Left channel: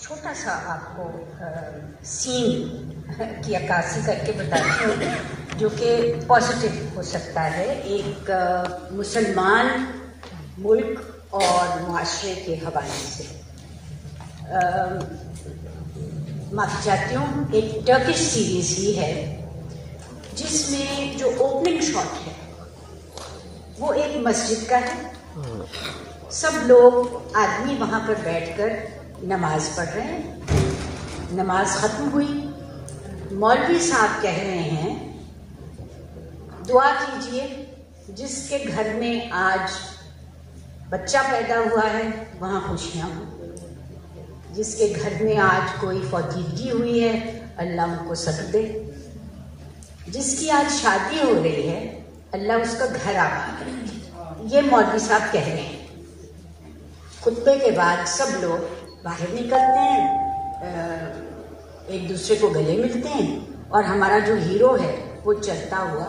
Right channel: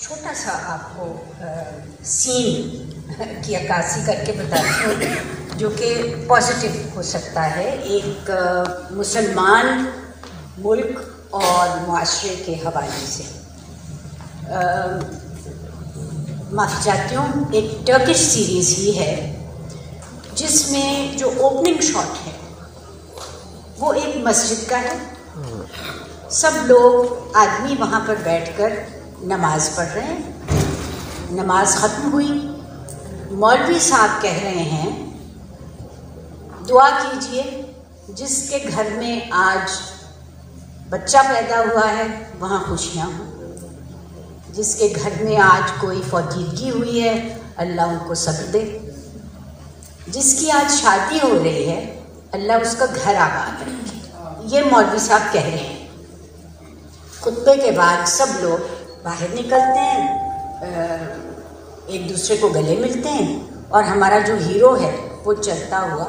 छोटा सा आपको सीन की अक्कासी करके बताती हूँ जो कि पॉजिटिव हो सकता है। एक मुसलमान मुल्क और मुआशरे के हवाले से। माफ़ी चाहती हूँ, एक टर्किश सीरीज़ ही है जिसमें जो ओपनिंग शॉट है वो एक मस्जिद का है। सब लोग आदमी वहाँ पर बैठकर नमाज पढ़ रहे हैं। नमाज ख़त्म हुई, मौलवी साहब कह रहे हैं दुआ कीजिए जिसके घर में आज बच्चा पैदा हुआ है वहाँ खुशियाँ हों, जिसके घर में आज कोई फौतीदगी हुई है अल्लाह उनको सब्र दे, जिसकी आज शादी हो रही है अल्लाह उसका घर आबाद रखे। ये मौलवी साहब कह रहे हैं। खुतबे के बाद सब लोग बाहर निकलते हैं, एक दूसरे को गले मिलते हैं और हमारा जो हीरो है वो चलता हुआ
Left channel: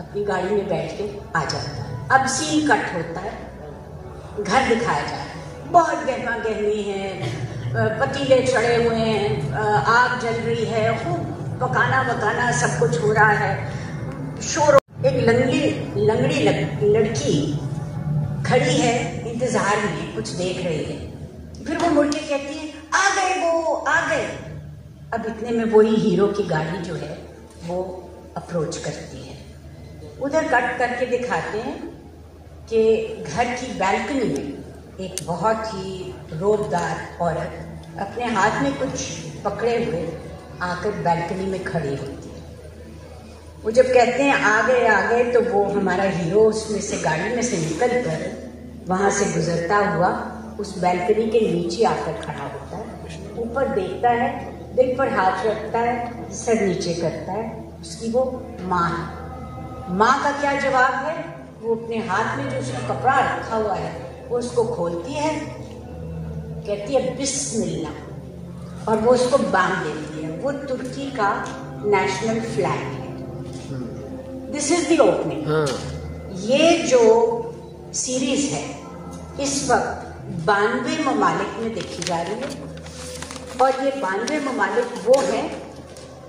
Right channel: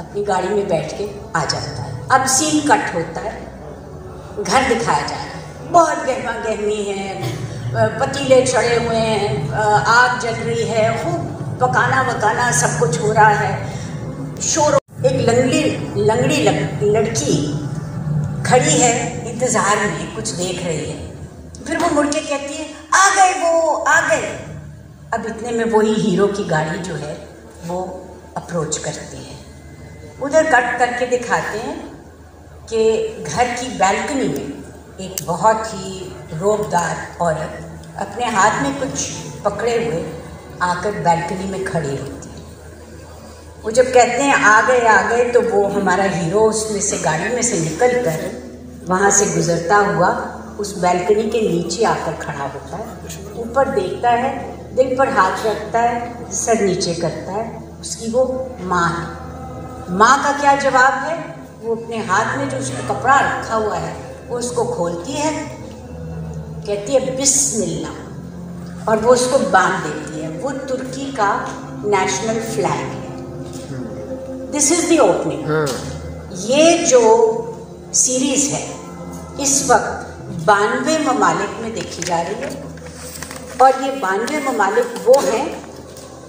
अपनी गाड़ी में बैठ के आ जाता है। अब सीन कट होता है, घर दिखाया जा रहा है, बहुत गहमा गहमी है, पतीले चढ़े हुए हैं, आग जल रही है, खूब पकाना वकाना सब कुछ हो रहा है, शोर। एक लंगड़ी लड़की खड़ी है इंतजार में, कुछ देख रही है। फिर वो मुड़ के कहती है आ गए, वो आ गए। अब इतने में वही हीरो की गाड़ी जो है वो अप्रोच करती है। उधर कट करके दिखाते हैं कि घर की बैल्कनी में एक बहुत ही रोबदार औरत अपने हाथ में कुछ पकड़े हुए आकर बैल्कनी में खड़ी होती है। वो जब कहते हैं आ गए तो वो हमारा हीरो उसमें से गाड़ी में से निकल कर वहाँ से गुजरता हुआ उस बैल्कनी के नीचे आकर खड़ा होता है, ऊपर देखता है, दिल पर हाथ रखता है, सर नीचे करता है। उसकी वो माँ है। माँ का क्या जवाब है? वो अपने हाथ में जो उसका कपड़ा रखा हुआ है वो उसको खोलती है, कहती है बिस्मिल्लाह, और वो उसको बांध देती है। वो तुर्की का नेशनल फ्लैग है। This is the opening. ये जो सीरीज है इस वक्त 92 ममालिक में देखी जा रही है और ये 92 ममालिक वो हैं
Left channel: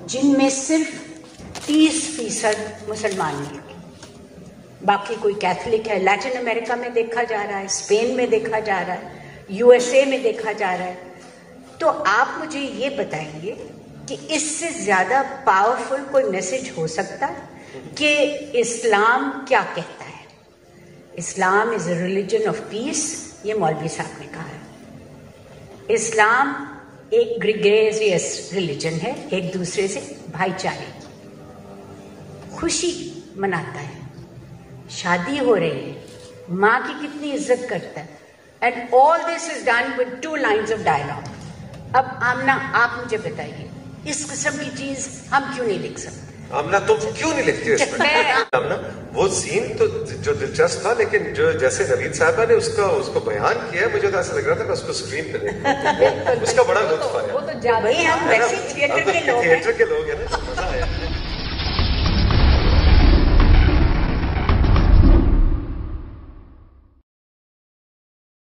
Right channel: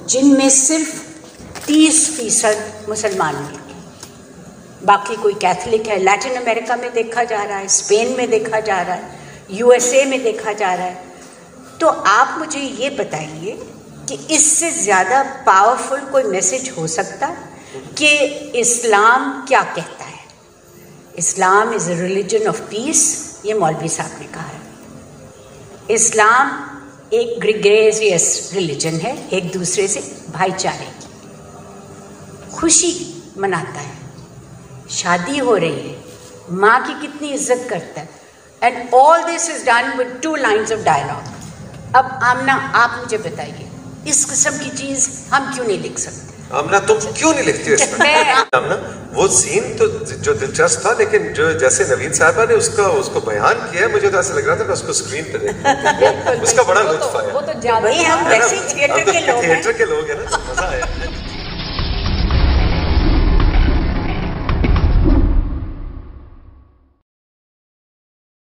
जिनमें सिर्फ 30% मुसलमान हैं, बाकी कोई कैथलिक है। लैटिन अमेरिका में देखा जा रहा है, स्पेन में देखा जा रहा है, यूएसए में देखा जा रहा है। तो आप मुझे ये बताइए कि इससे ज़्यादा पावरफुल कोई मैसेज हो सकता है कि इस्लाम क्या कहता है? Islam is a religion of peace, ये मौलवी साहब ने कहा है। इस्लाम एक ग्रेगरियस रिलीजन है, एक दूसरे से भाईचारे की खुशी मनाता है, शादी हो रही है, माँ की कितनी इज्जत करता है। And all this is done with 2 lines of dialogue. अब आमना आप मुझे बताइए, इस किस्म की चीज हम क्यों नहीं लिख सकते? आमना तुम क्यों नहीं लिखती हो इसमें? आमना वो सीन तो जो दिलचस्प था, लेकिन जो जैसे नवीन साहबा ने उसको बयान किया, मुझे तो ऐसा लग रहा था कि उसको स्क्रीन पे देखना उसका बड़ा लुत्फ आया। वो तो वही हम वैसे थिएटर के लोग हैं ना, मजा आया।